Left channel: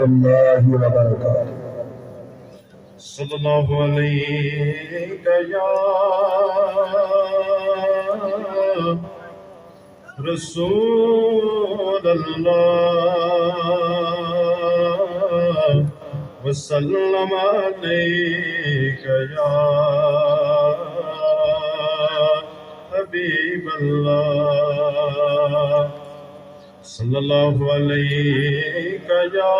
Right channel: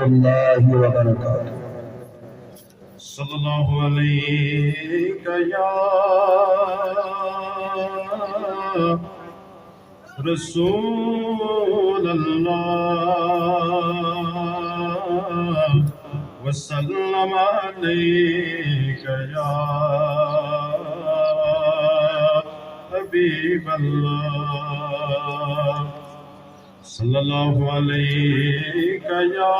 रहमतुल्लाहि व बरकातुहू। सल्लल्लाहु अलैहि या रसूल अल्लाह वसल्लम अलैका या हबीब अल्लाह सल्लल्लाहु अलैका या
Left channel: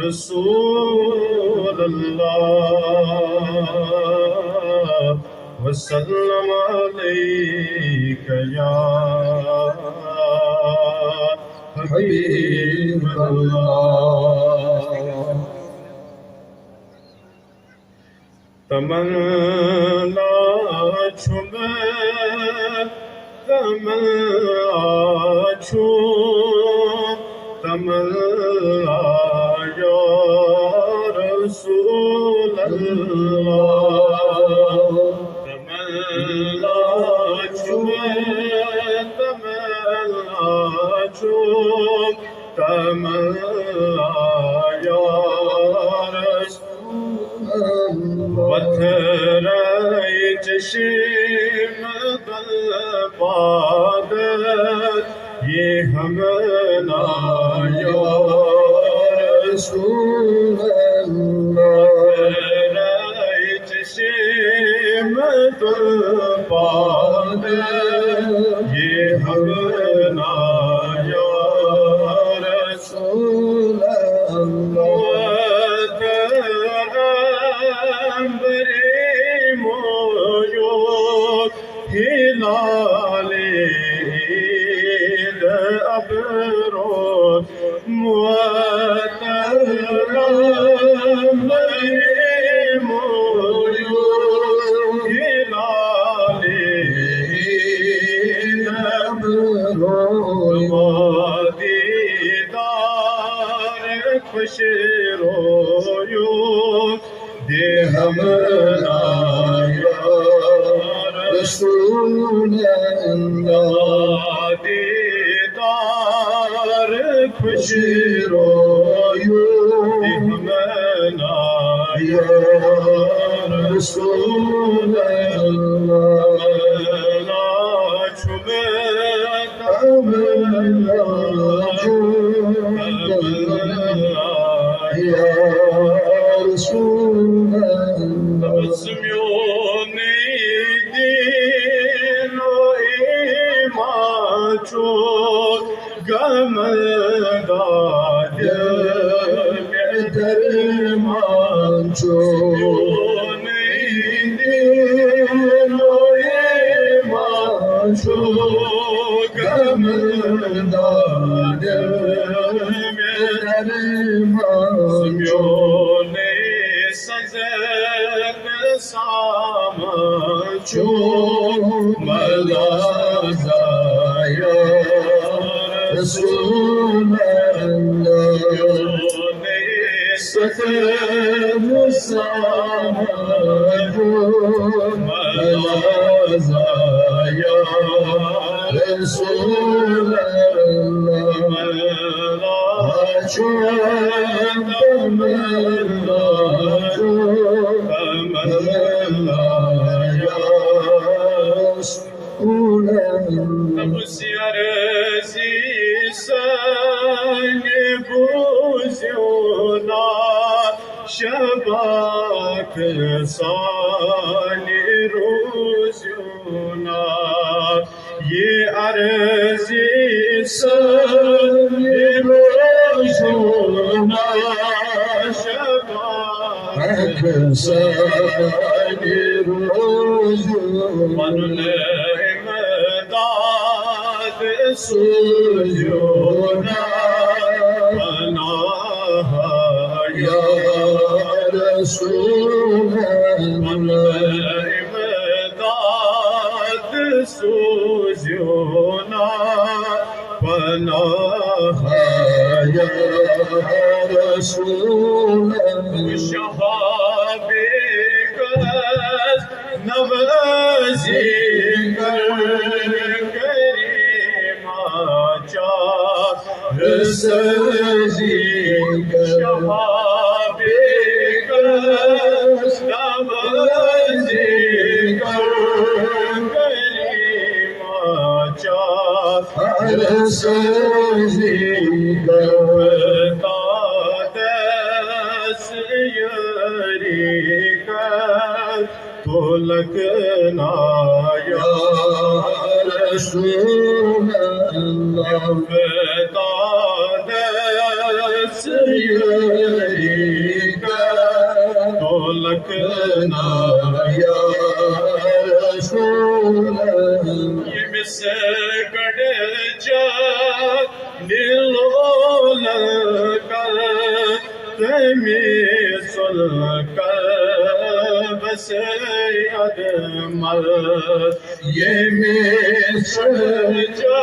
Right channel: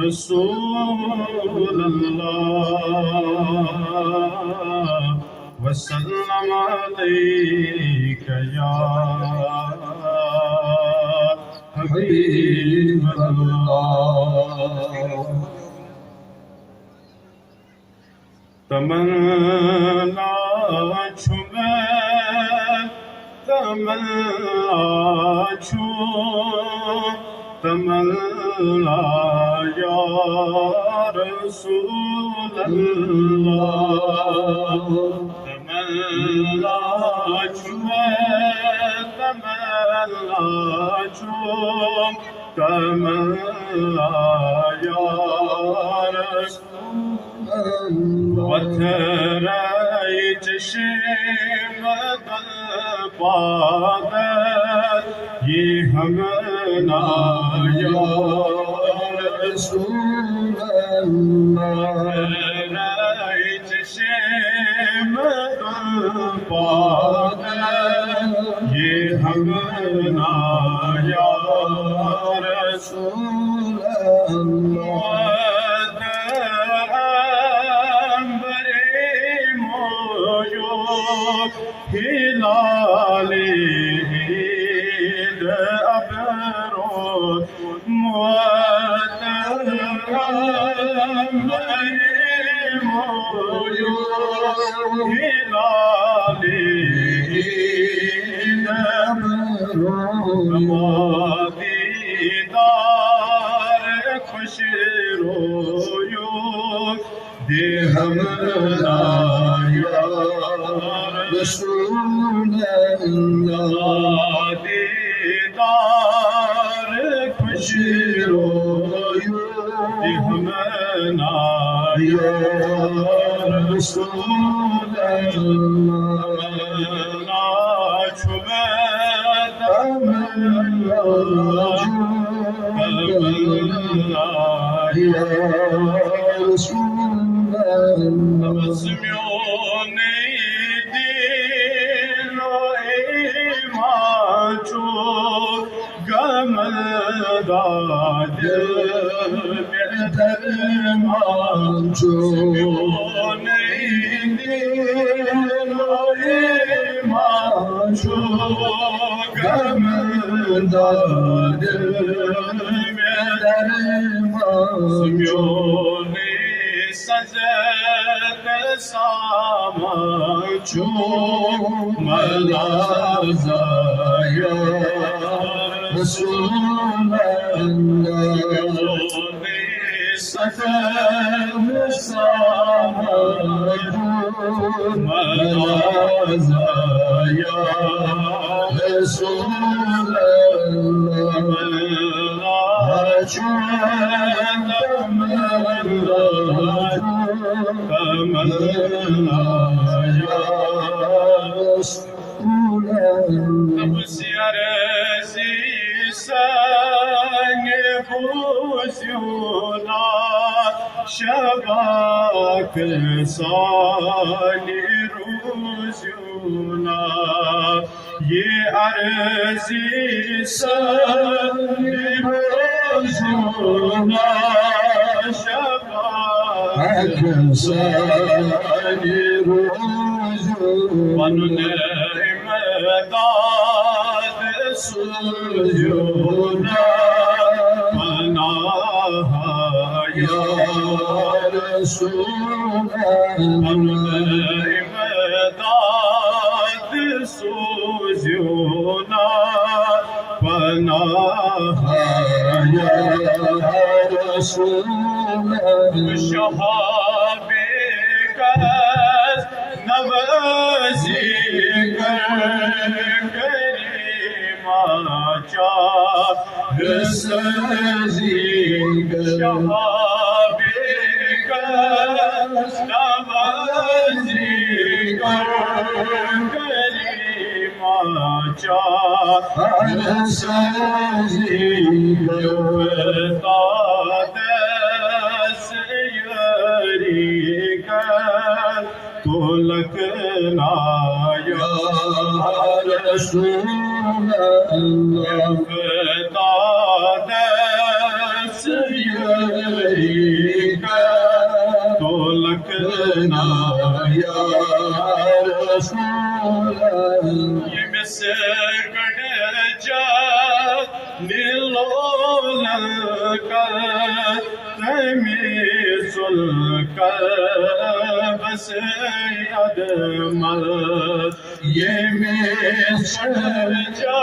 रसूल अल्लाह वसल्लम अलैका या हबीब अल्लाह। तमन्ना छुमे तमन्ना छू तमन्ना या रसूल अल्लाह तमन्ना छुए तमन्ना छू तमन्ना या रसूल वथराई चश्म पादत ये हम ना या रसूल अल्लाह चश्म पादत ये हम ना या रसूल अल्लाह अंबरे मोयो हिलाले अबरो मुअत्तरम मोयो हिलाले अबरो दीदार खुश रोयो दे हमरा या रसूल अल्लाह दीदार खुश रोयो दे हमरा या रसूल अल्लाह ना छुबे तमन्ना या रसूल अल्लाह गमदाद दरमांचो मांचो गमदाद दरमांचो ने सजन सामांचो मलाज़ाया रसूल अल्लाह सतम सामो मलाज़ाया रसूल अल्लाह तमन्ना रसूल शबाक साली रोज़ुना ये अर्ज़ी साली रोज़ुना शबाक साली रोज़ुना मनुले मदाद सुरजुना या रसूल अल्लाह इमदाद सूज़ुना पनाह या रसूल अल्लाह शहाबे कस नवाज़ी कर करीमा चा सजीगर शहाबेकस नवाज़ीगर कलीमा चाहर सजीगर तादस यरीकर तुलकना या रसूल अल्लाह तादस यरीकर तुलकना या रसूल अल्लाह ये मिसकड़ जा निलोलकर तमीसुलकर बस अदमल ये मिसकड़ जा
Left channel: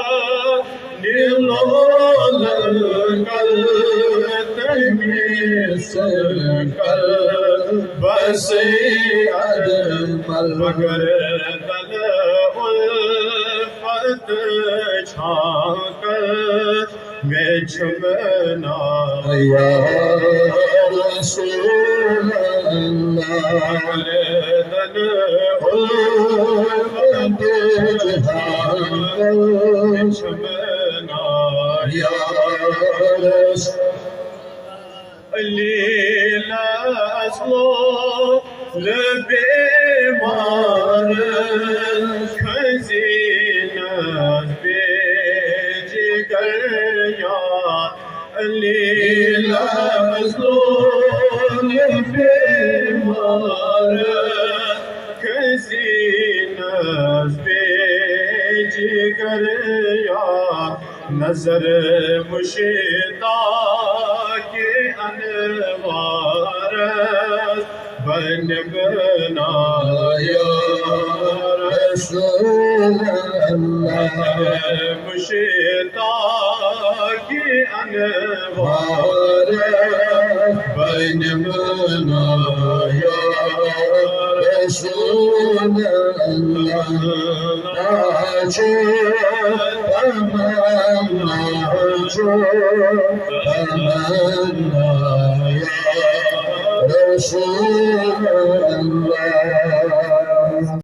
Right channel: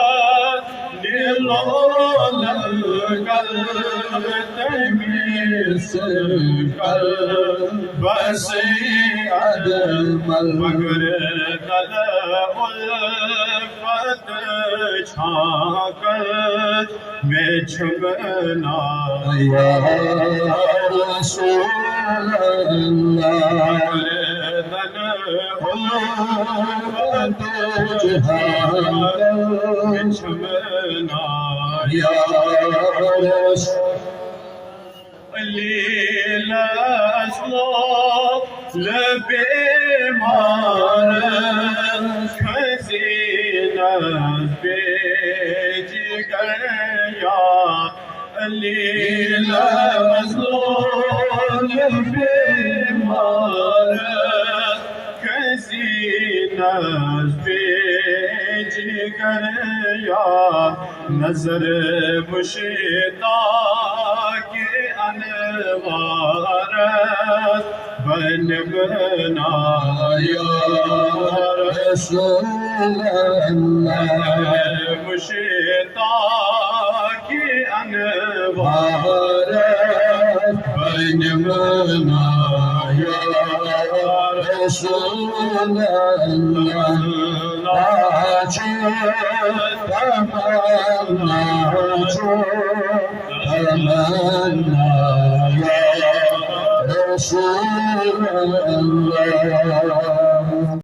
निलोलकर तमीसुलकर बस अदमल मगर दल उल्फत छाकर मैं छुपना या रसूल अल्लाह दल उल्फत छाकर मैं छुपना या रसूल लीला असलो लबेमान खजीना बेजिगर या लीला असलो लबेमान खजीना बेजिगर या नजर मुश्ता के अनवार बन बनाया रसूल अल्लाह मुश्ता के अनवार बन बनाया रसूल अल्लाह तमन्ना या रसूल अल्लाह